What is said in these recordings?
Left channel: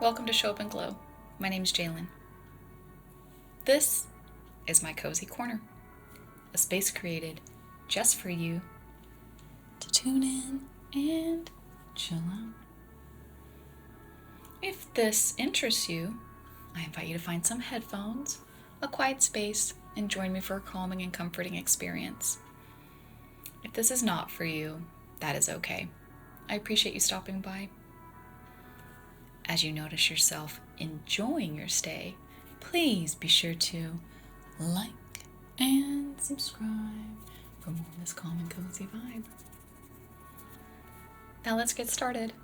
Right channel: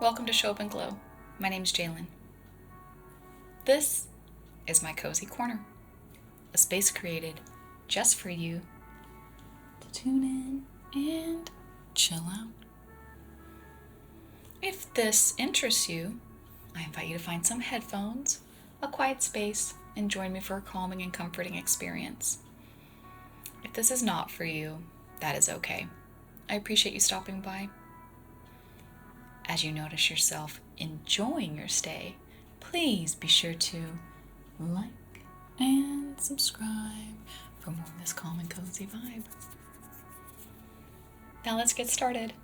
Welcome to Show Up and Glow. My name's Jalen. This is my cozy corner, a space created just for you to tune in and chill out. If this interests you, I invite you to find some headphones, a quiet space, and join me for a calming and comforting experience. If this is not for you, that is okay. I appreciate you stopping by. As you notice yourself enjoying your stay, please be sure to like and subscribe for more of this calm and cozy vibe. Now let's get started.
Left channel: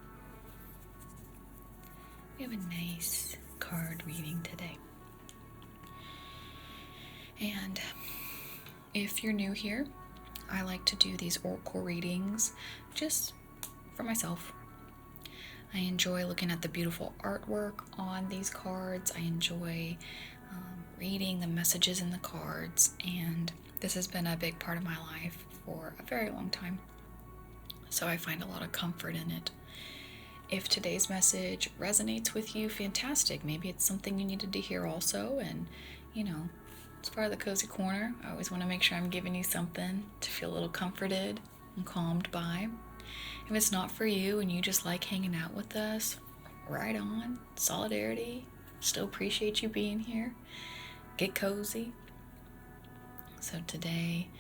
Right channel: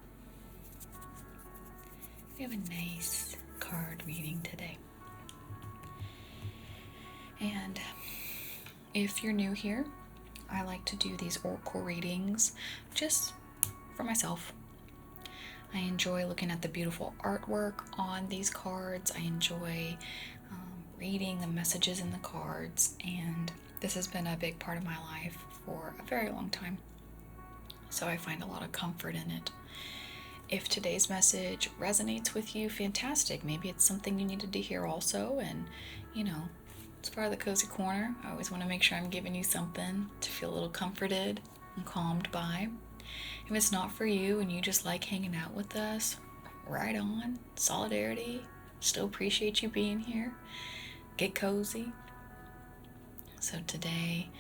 We have a nice card reading today. And if you're new here, I like to do these oracle readings just for myself. I enjoy looking at the beautiful artwork on these cards. I enjoy reading the messages in the cards, and this has been a big part of my life for a very long time. So I find a lot of comfort in it. If today's message resonates with you, fantastic. Maybe it's something you needed to hear also, and it's part of the cozy corner. I always want to make sure I'm giving you something to feel a little comforted and calmed by. If it's not for you and you just like hanging out with us, right on. Solidarity. Still appreciate you being here. Get cozy. So today,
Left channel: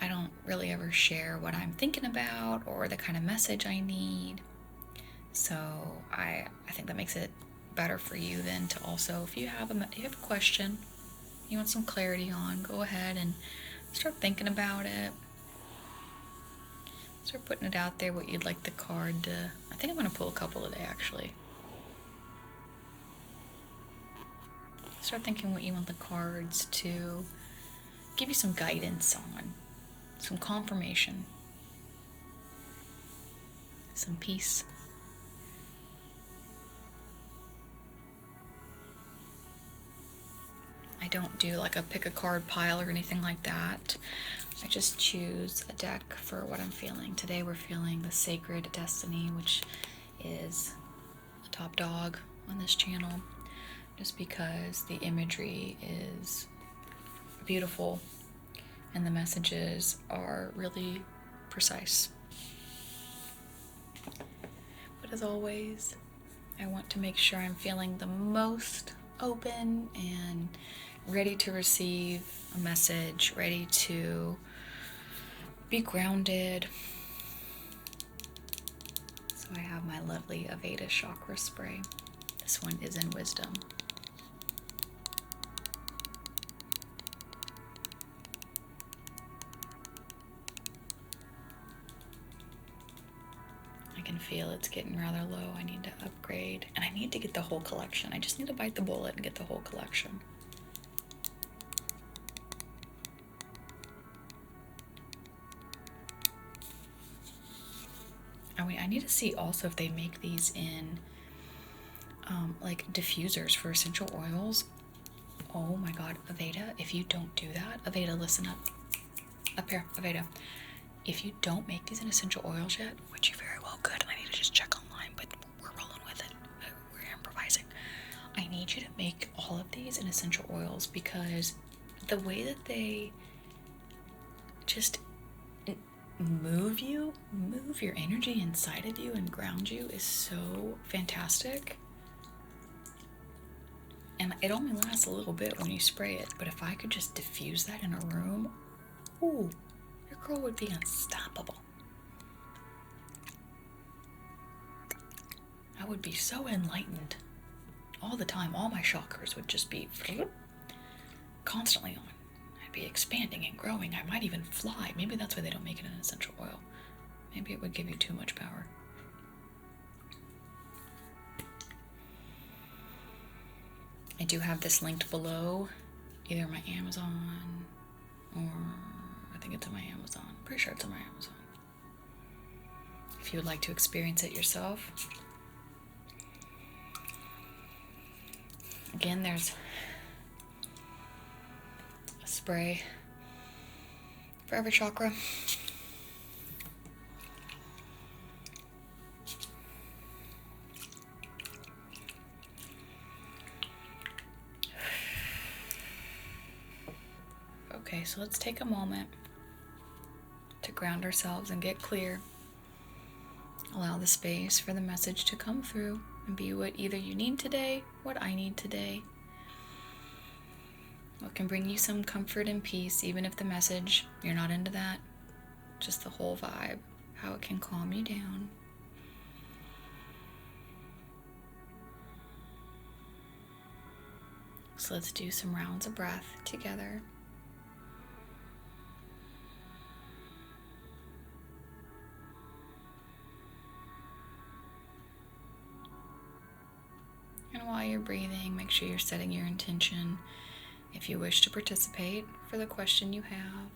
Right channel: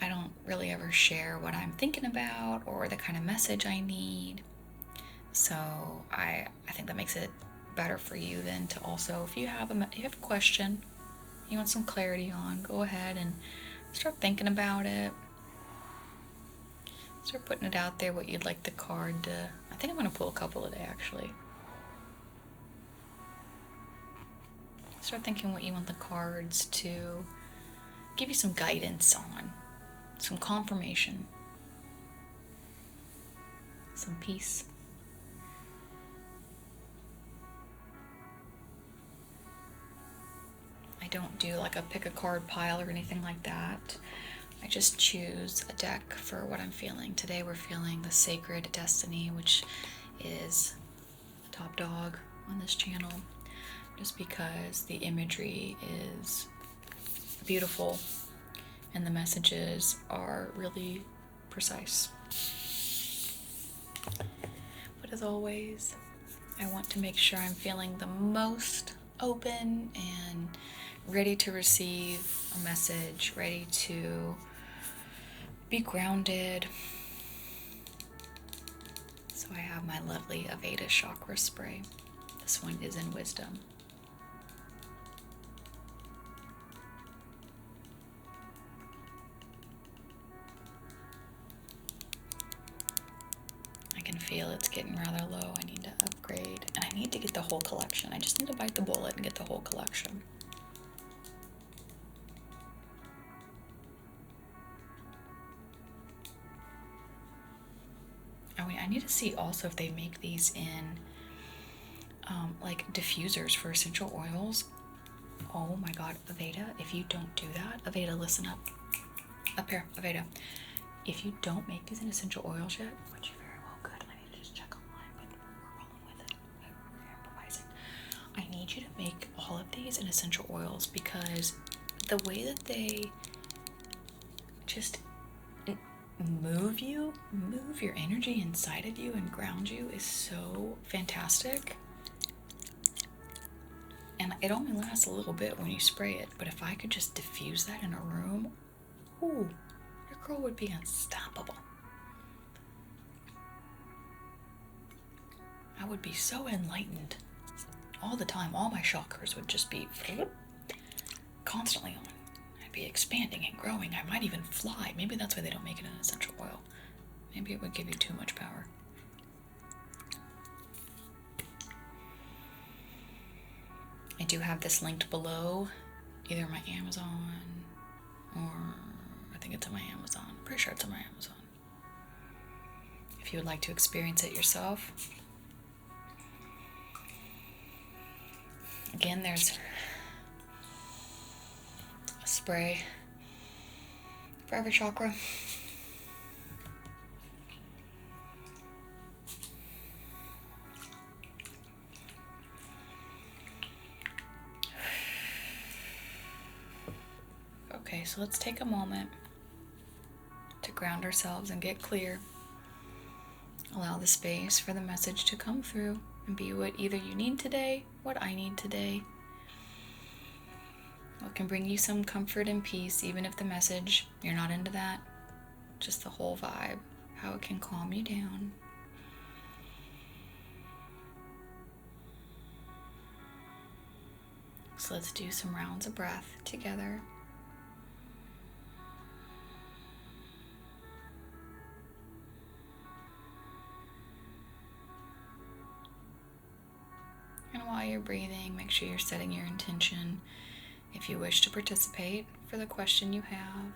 I don't really ever share what I'm thinking about or the kind of message I need. So I think that makes it better for you then to also, if you have a question you want some clarity on, go ahead and start thinking about it. Start putting it out there, what you'd like the card to... I think I'm going to pull a couple today, actually. Start thinking what you want the cards to give you some guidance on, some confirmation, some peace. I don't do like a pick a card pile or anything like that. I just choose a deck for what I'm feeling. Today we're feeling the Sacred Destiny, which is a top dog on this channel, just because the imagery is beautiful and the messages are really precise. But as always, I want to make sure I'm feeling the most open and ready to receive a message, ready to be grounded. So I have my lovely Aveda chakra spray. This one is in wisdom. I can feel it's getting rather low. I need to upgrade, and I need to get the whole collection. I just need to bite the bullet and get the whole collection. I need to see also if they make these in like diffusers for essential oils. Oh my god, Aveda, if you don't do that, Aveda, listen up. Up here, Aveda. If you don't make these in essential oils yet, which you very well could, and I need to just check online, but we're rolling with it. We're improvising. I need you to make all of these in essential oils, because the way that they just move your energy inside of you and ground you is so fantastic. And it only lasts a little bit when you spray it, but if I could just diffuse that in a room, ooh, your girl would be unstoppable. I would be so enlightened all the time. All my chakras would just be constantly on. I'd be expanding and growing. I might even fly. Maybe that's why they don't make it an essential oil. Maybe it would give you too much power. I do have this linked below, either my Amazon or I think it's on my Amazon. I'm pretty sure it's on my Amazon. If you would like to experience it yourself. Again, there's a spray for every chakra. Okay, so let's take a moment to ground ourselves and get clear. Allow the space for the message to come through and be what either you need today, what I need today. What can bring you some comfort and peace, even if the message, you're not into that. Just the whole vibe, how it can calm you down. So let's do some rounds of breath together. And while you're breathing, make sure you're setting your intention if you wish to participate for the question you have.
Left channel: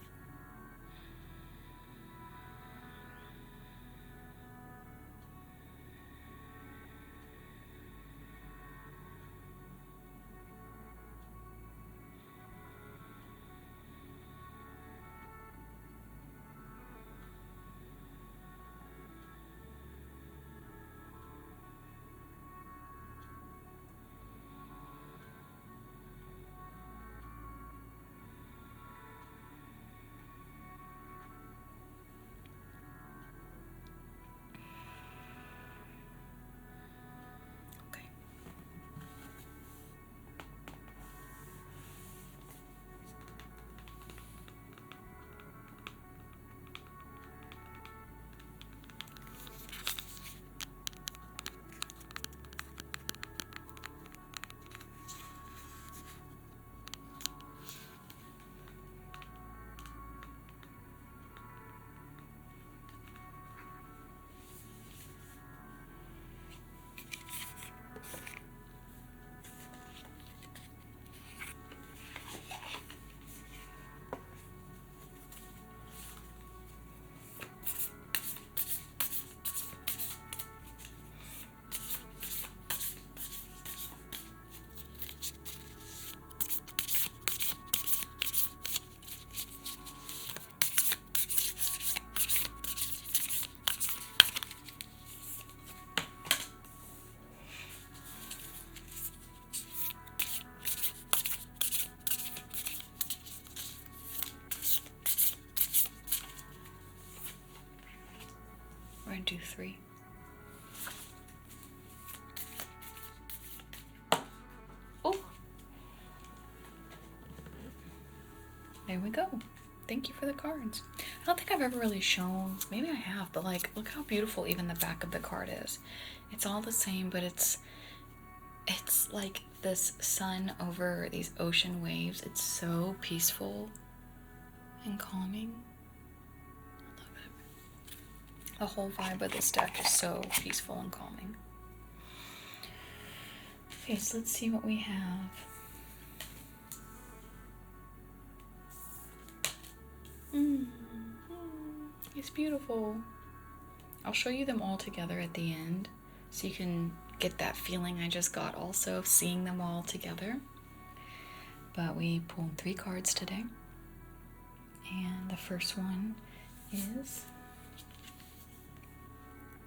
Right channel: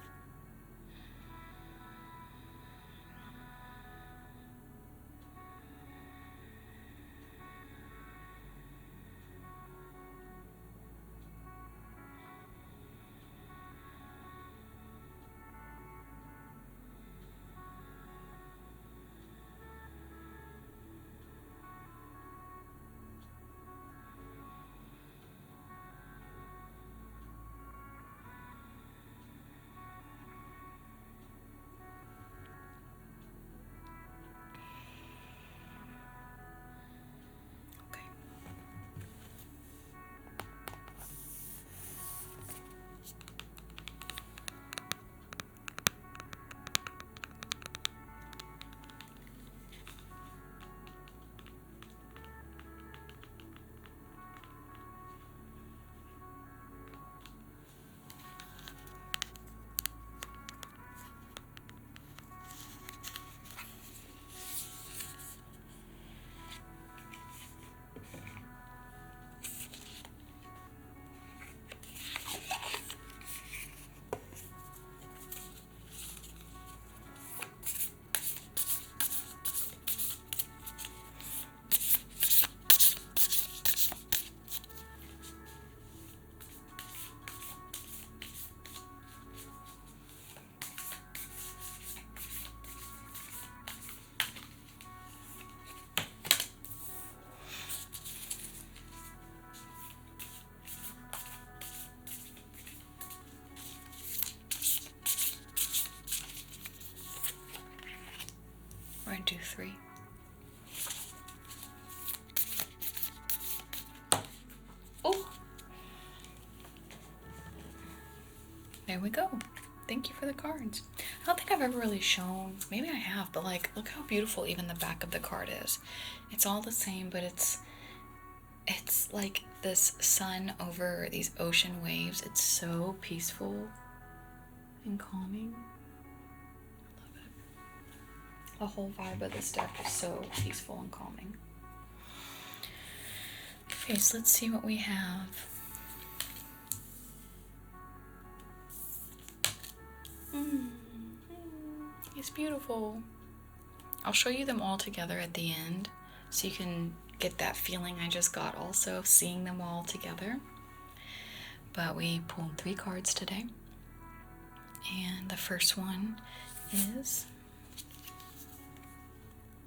We're going to do 3. Oh! There we go. Thank you for the cards. I don't think I've ever really shown, maybe I have, but like, look how beautiful even the back of the card is. It's all the same, but it's like this sun over these ocean waves. It's so peaceful and calming. I love it. The whole vibe of this deck is so peaceful and calming. Okay, so let's see what we have. It's beautiful. I'll show you them all together at the end so you can get that feeling I just got also, seeing them all together. But we pulled 3 cards today. And the first one is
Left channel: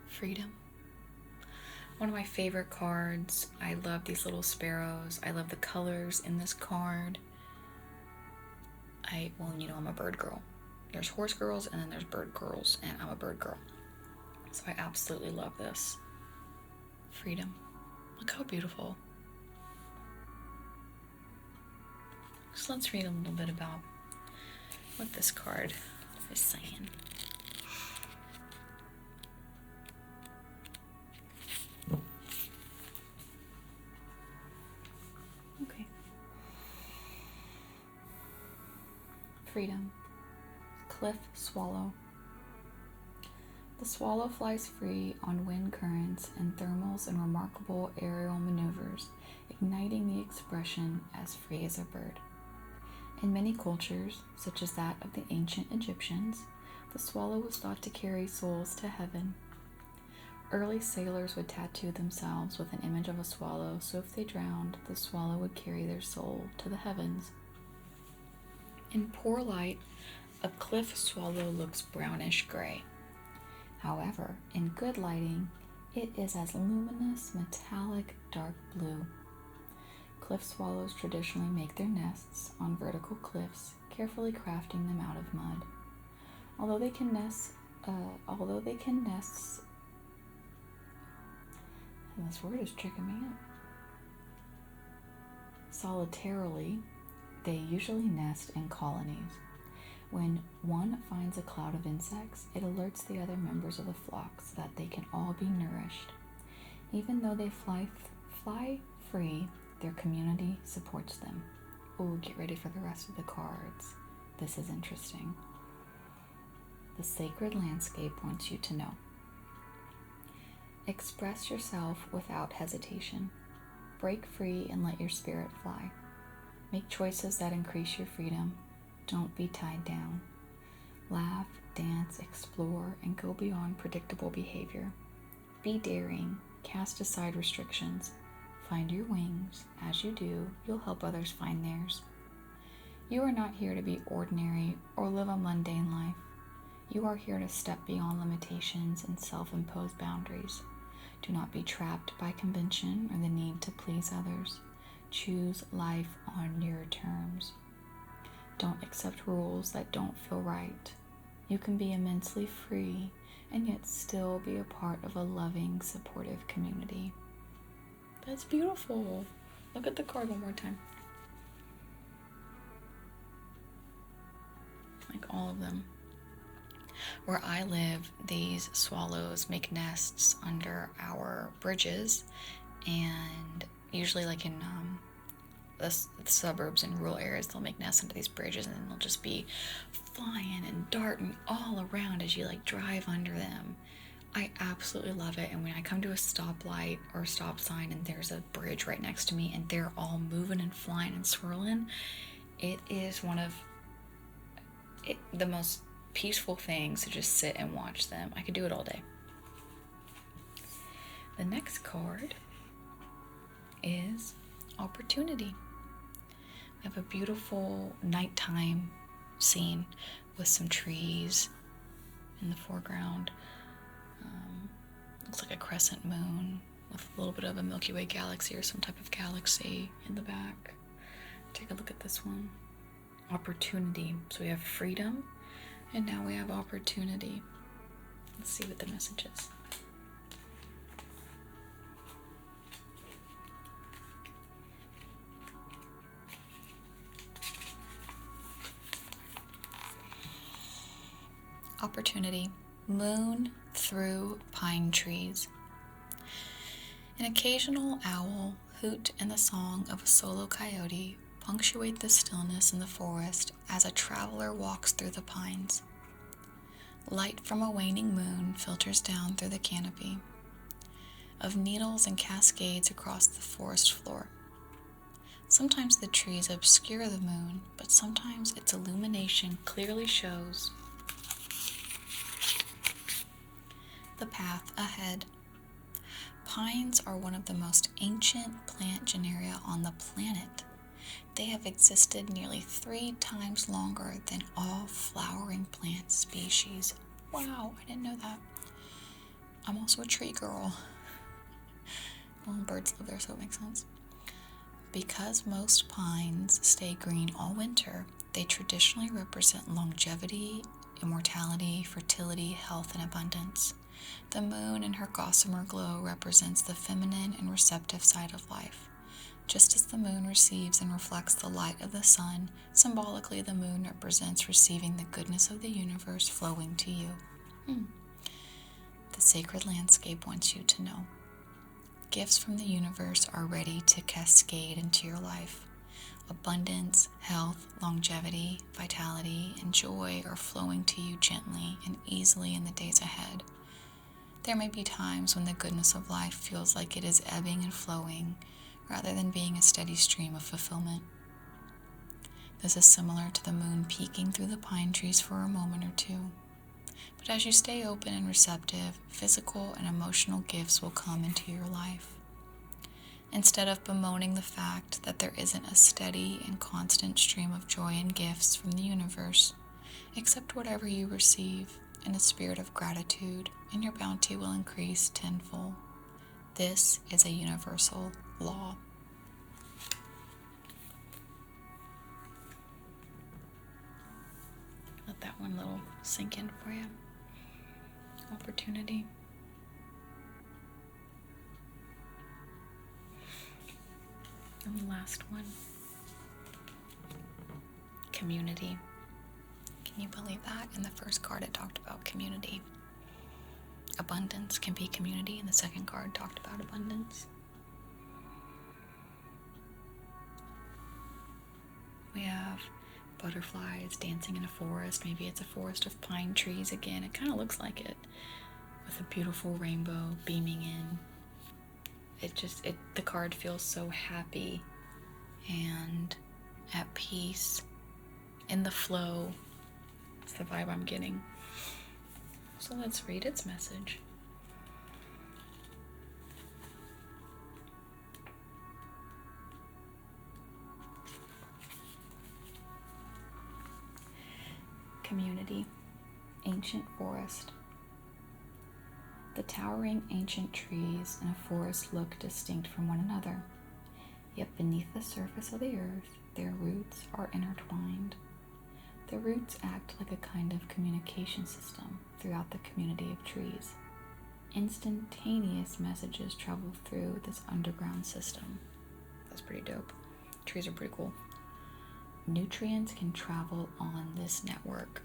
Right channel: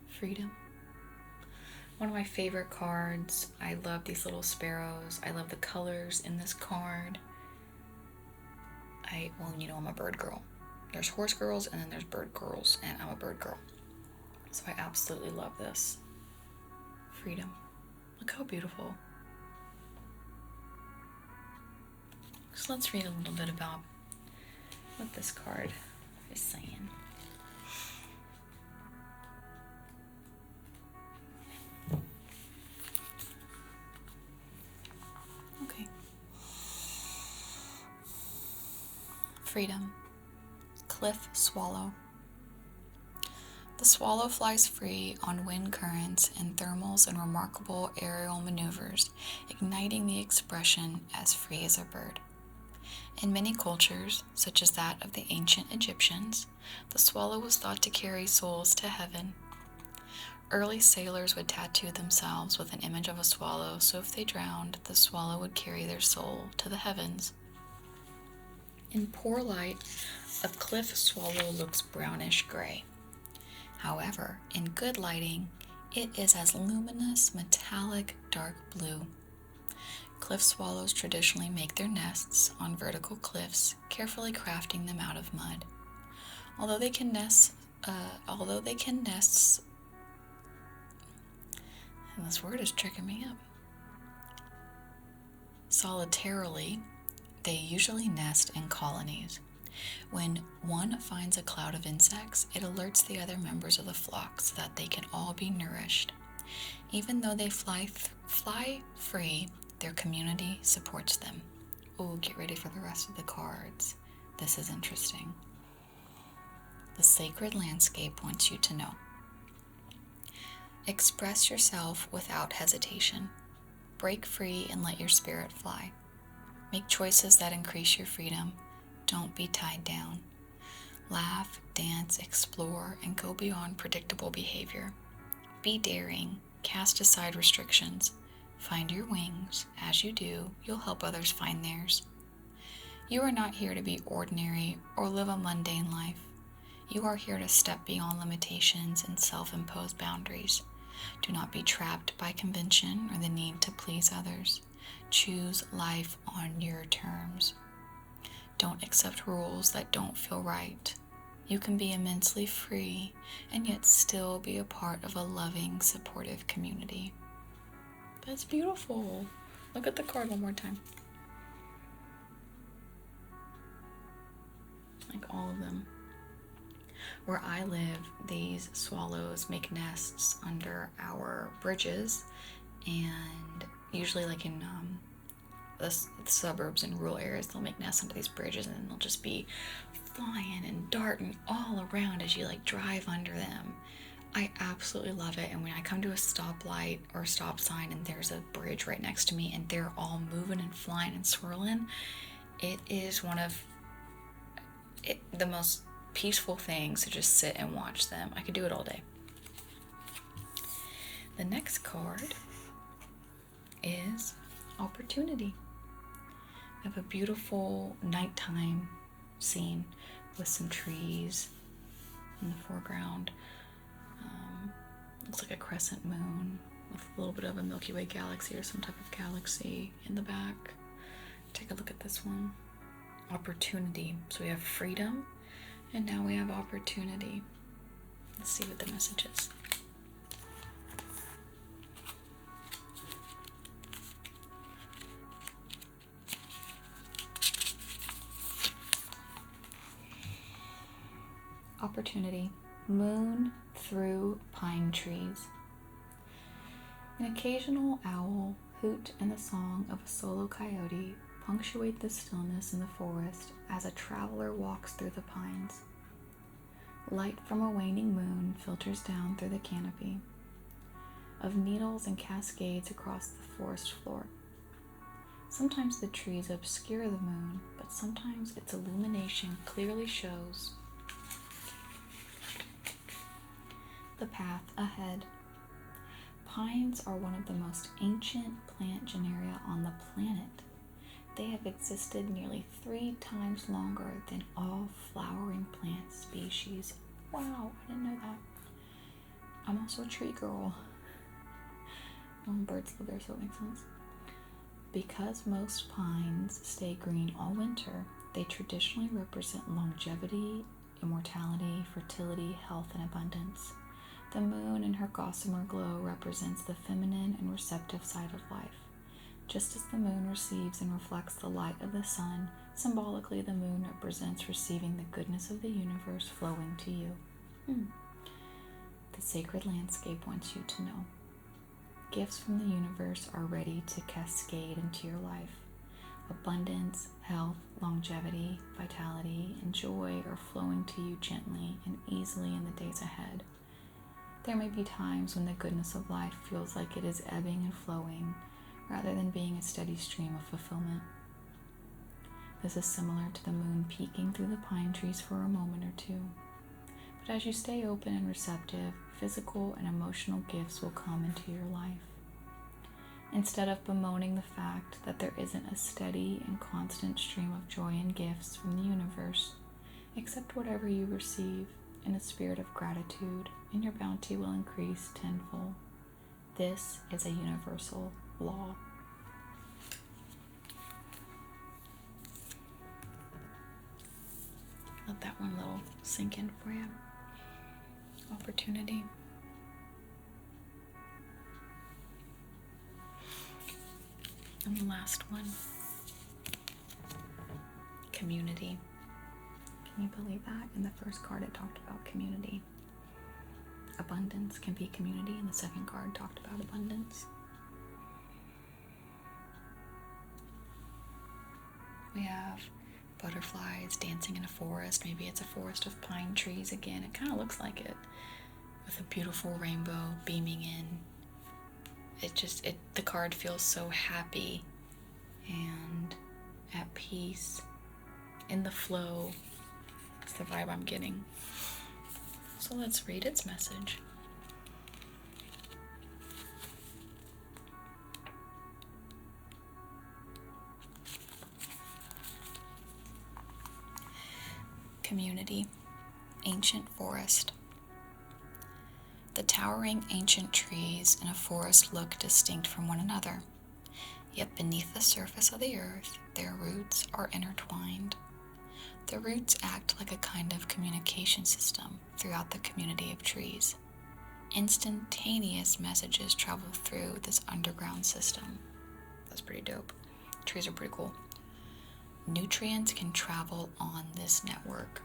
Freedom. One of my favorite cards. I love these little sparrows. I love the colors in this card. Well, you know, I'm a bird girl. There's horse girls and then there's bird girls, and I'm a bird girl. So I absolutely love this. Freedom. Look how beautiful. So let's read a little bit about what this card is saying. Okay. Freedom. Cliff swallow. The swallow flies free on wind currents and thermals and remarkable aerial maneuvers, igniting the expression as free as a bird. In many cultures, such as that of the ancient Egyptians, the swallow was thought to carry souls to heaven. Early sailors would tattoo themselves with an image of a swallow, so if they drowned, the swallow would carry their soul to the heavens. In poor light, a cliff swallow looks brownish gray. However, in good lighting, it is as luminous, metallic, dark blue. Cliff swallows traditionally make their nests on vertical cliffs, carefully crafting them out of mud. Although they can nest, and this word is tricking me up. Solitarily, they usually nest in colonies. When one finds a cloud of insects, it alerts the other members of the flock so that they can all be nourished. Even though they fly free, their community supports them. Oh, get ready for the rest of the cards. This is interesting. The sacred landscape wants you to know. Express yourself without hesitation. Break free and let your spirit fly. Make choices that increase your freedom. Don't be tied down. Laugh, dance, explore, and go beyond predictable behavior. Be daring. Cast aside restrictions. Find your wings. As you do, you'll help others find theirs. You are not here to be ordinary or live a mundane life. You are here to step beyond limitations and self-imposed boundaries. Do not be trapped by convention or the need to please others. Choose life on your terms. Don't accept rules that don't feel right. You can be immensely free and yet still be a part of a loving, supportive community. That's beautiful. Look at the card one more time. Like all of them. Where I live, these swallows make nests under our bridges, and usually like in the suburbs and rural areas, they'll make nests under these bridges, and then they'll just be flying and darting all around as you like drive under them. I absolutely love it. And when I come to a stoplight or a stop sign and there's a bridge right next to me and they're all moving and flying and swirling, it is one of the most peaceful things to just sit and watch them. I could do it all day. The next card is opportunity. I have a beautiful nighttime scene with some trees in the foreground. Looks like a crescent moon with a little bit of a Milky Way galaxy or some type of galaxy in the back. Take a look at this one. Opportunity. So we have freedom, and now we have opportunity. Let's see what the message is. Opportunity. Moon through pine trees. An occasional owl hoot and the song of a solo coyote punctuate the stillness in the forest as a traveler walks through the pines. Light from a waning moon filters down through the canopy of needles and cascades across the forest floor. Sometimes the trees obscure the moon, but sometimes its illumination clearly shows the path ahead. Pines are one of the most ancient plant genera on the planet. They have existed nearly 3 times longer than all flowering plant species. Wow, I didn't know that. I'm also a tree girl. Well, birds live there, so it makes sense. Because most pines stay green all winter, they traditionally represent longevity, immortality, fertility, health, and abundance. The moon in her gossamer glow represents the feminine and receptive side of life. Just as the moon receives and reflects the light of the sun, symbolically the moon represents receiving the goodness of the universe flowing to you. The sacred landscape wants you to know. Gifts from the universe are ready to cascade into your life. Abundance, health, longevity, vitality, and joy are flowing to you gently and easily in the days ahead. There may be times when the goodness of life feels like it is ebbing and flowing, rather than being a steady stream of fulfillment. This is similar to the moon peeking through the pine trees for a moment or two. But as you stay open and receptive, physical and emotional gifts will come into your life. Instead of bemoaning the fact that there isn't a steady and constant stream of joy and gifts from the universe, accept whatever you receive in a spirit of gratitude, and your bounty will increase tenfold. This is a universal law. let that one little sink in for you. Opportunity. And the last one. Community. Can you believe that? In the first card it talked about community. Abundance can be community, and the second card talked about abundance. We have butterflies dancing in a forest. Maybe it's a forest of pine trees again. It kind of looks like it, with a beautiful rainbow beaming in. The card feels so happy and at peace, in the flow. It's the vibe I'm getting. So let's read its message. Community. Ancient forest. The towering ancient trees in a forest look distinct from one another, yet beneath the surface of the earth, their roots are intertwined. The roots act like a kind of communication system throughout the community of trees. Instantaneous messages travel through this underground system. That's pretty dope. Trees are pretty cool. Nutrients can travel on this network.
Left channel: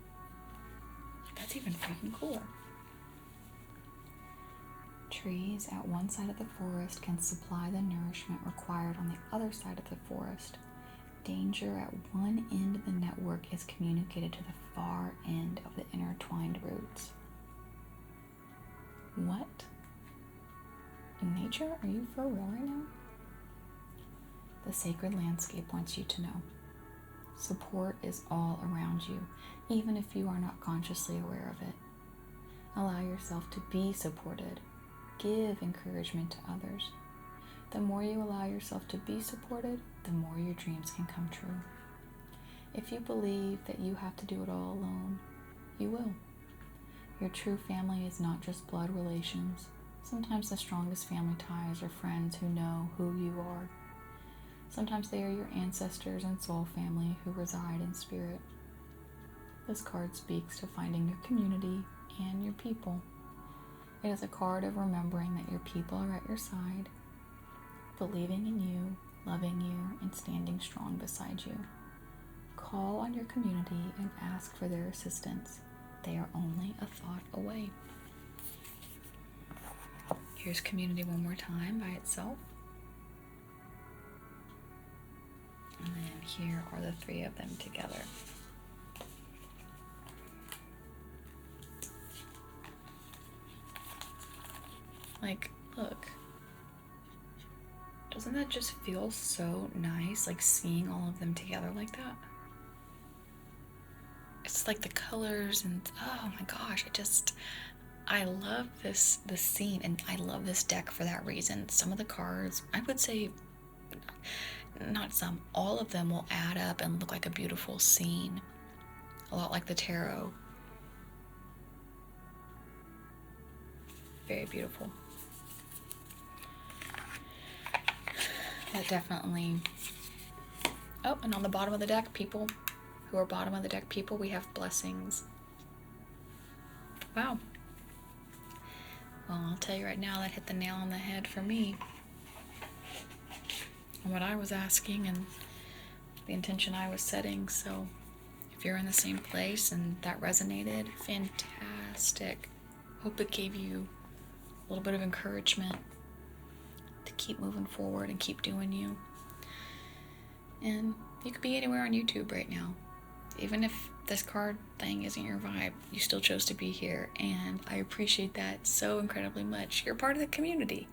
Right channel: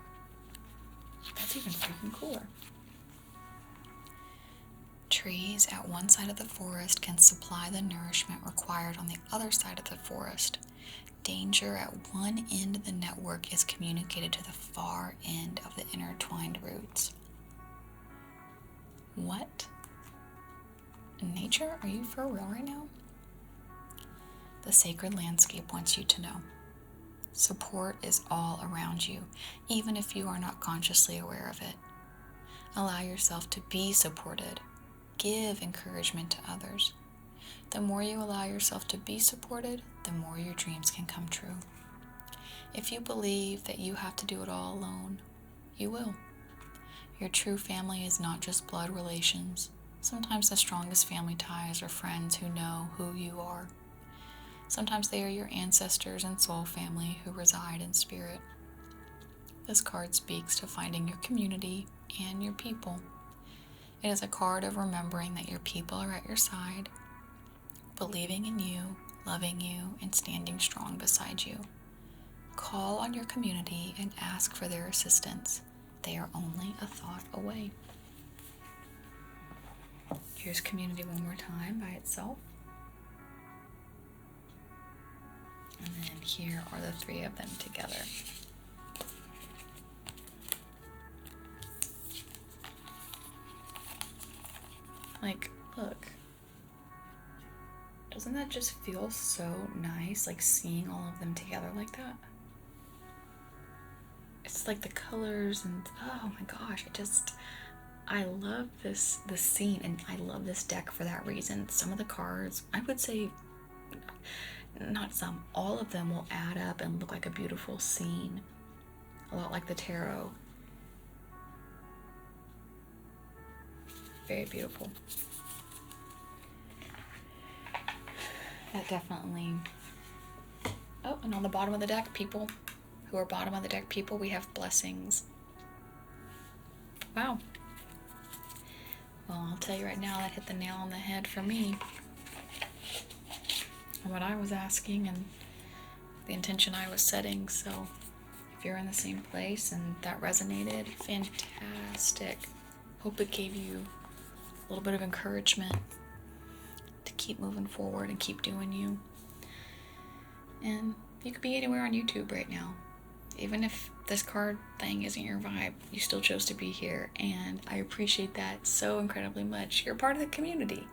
That's even freaking cooler. Trees at one side of the forest can supply the nourishment required on the other side of the forest. Danger at one end of the network is communicated to the far end of the intertwined roots. What? Nature, are you for real right now? The sacred landscape wants you to know. Support is all around you, even if you are not consciously aware of it. Allow yourself to be supported. Give encouragement to others. The more you allow yourself to be supported, the more your dreams can come true. If you believe that you have to do it all alone, you will. Your true family is not just blood relations. Sometimes the strongest family ties are friends who know who you are. Sometimes they are your ancestors and soul family who reside in spirit. This card speaks to finding your community and your people. It is a card of remembering that your people are at your side, believing in you, loving you, and standing strong beside you. Call on your community and ask for their assistance. They are only a thought away. Here's community one more time by itself. And then here are the three of them together. Like, look. Doesn't that just feel so nice, like seeing all of them together like that? It's like the colors and, oh my gosh, I love this scene, and I love this deck for that reason. Some of the cards, I would say, not some, all of them will add up and look like a beautiful scene. A lot like the tarot. Very beautiful. That definitely... Oh, and on the bottom of the deck, people who are bottom of the deck people, we have blessings. Wow. Well, I'll tell you right now, that hit the nail on the head for me. And what I was asking and the intention I was setting. So if you're in the same place and that resonated, fantastic. Hope it gave you a little bit of encouragement to keep moving forward and keep doing you. And you could be anywhere on YouTube right now. Even if this card thing isn't your vibe, you still chose to be here, and I appreciate that so incredibly much. You're part of the community.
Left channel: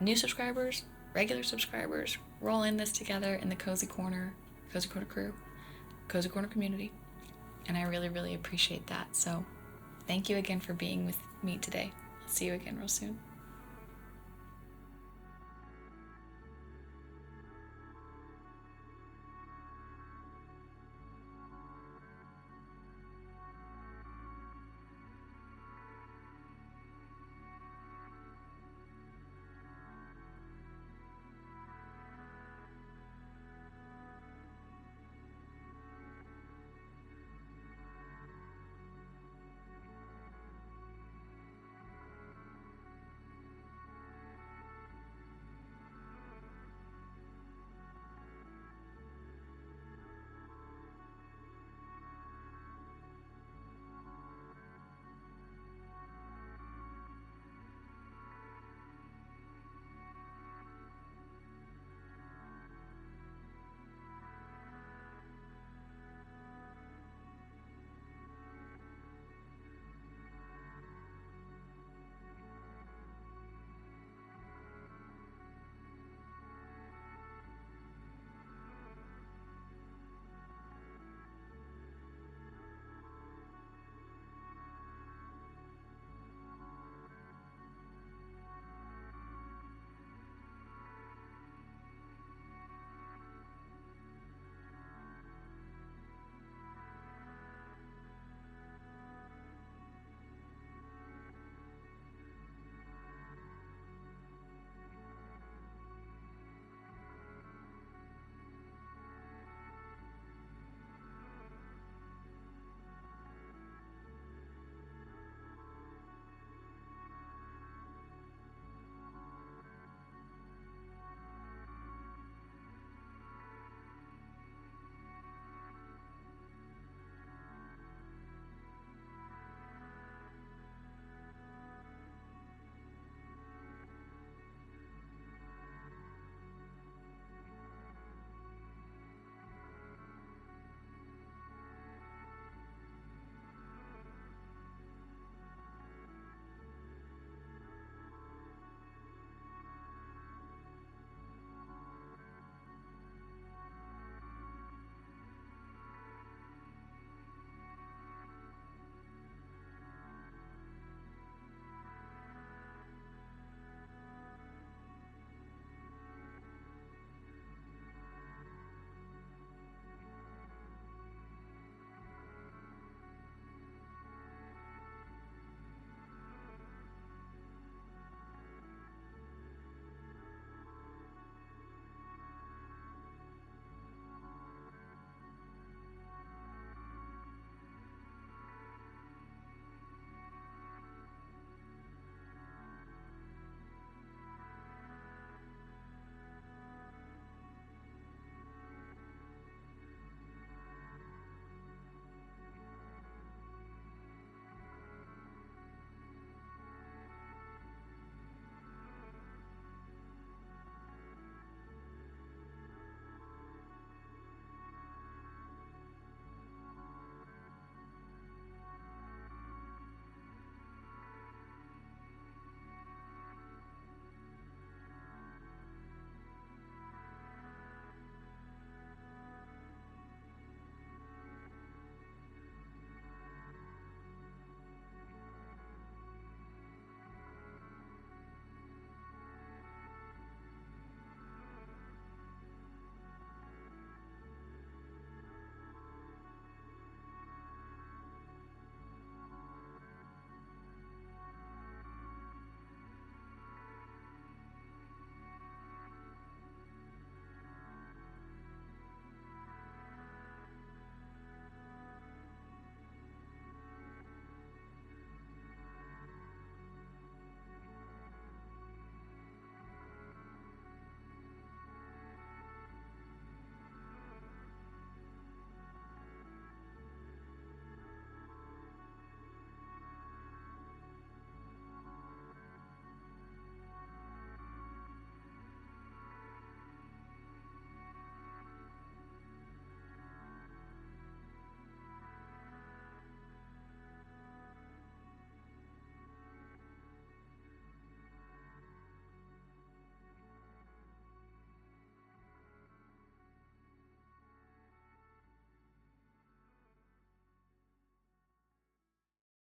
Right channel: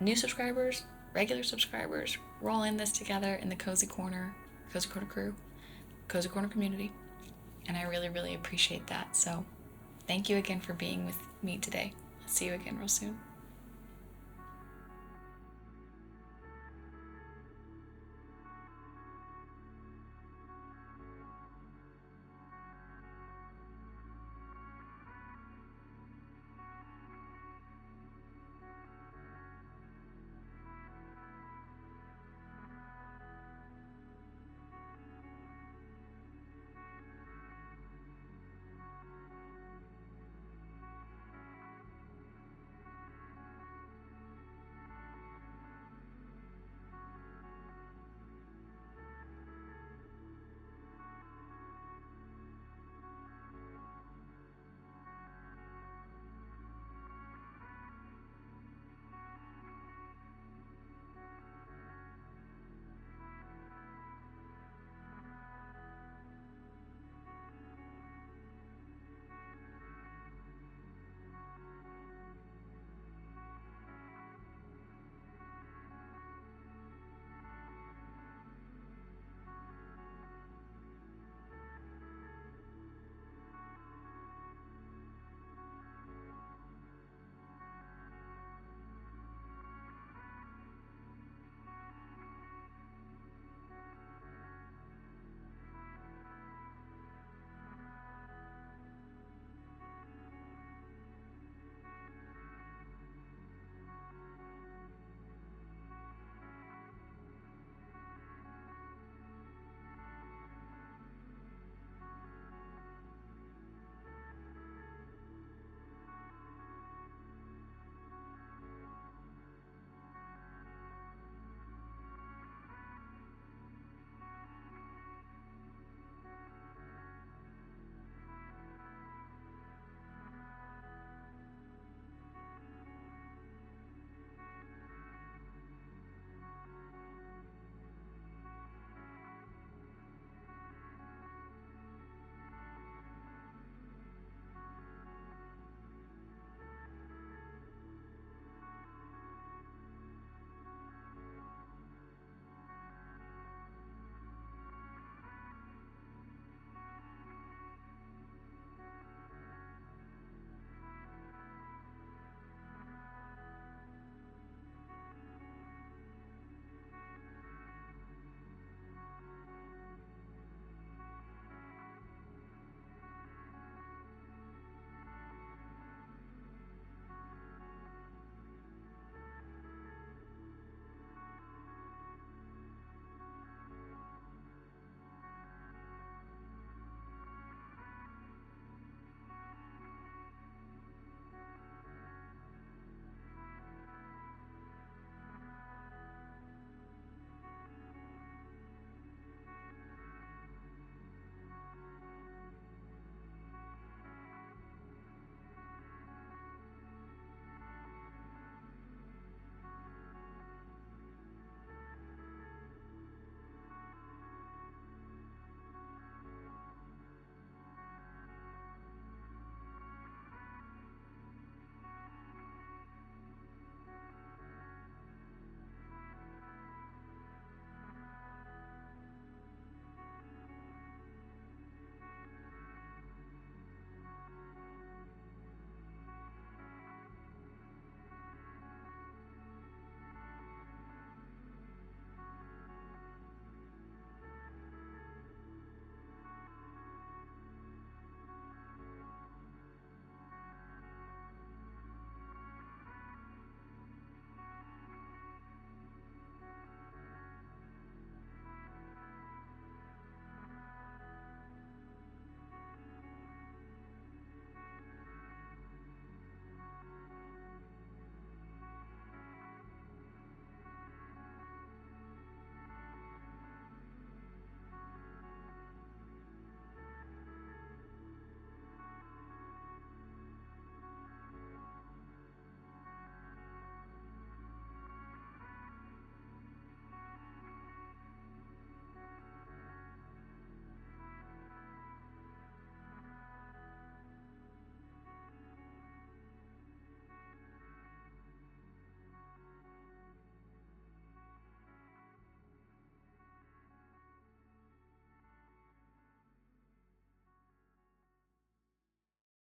New subscribers, regular subscribers, we're all in this together in the Cozy Corner crew, Cozy Corner community, and I really, really appreciate that. So thank you again for being with me today. I'll see you again real soon.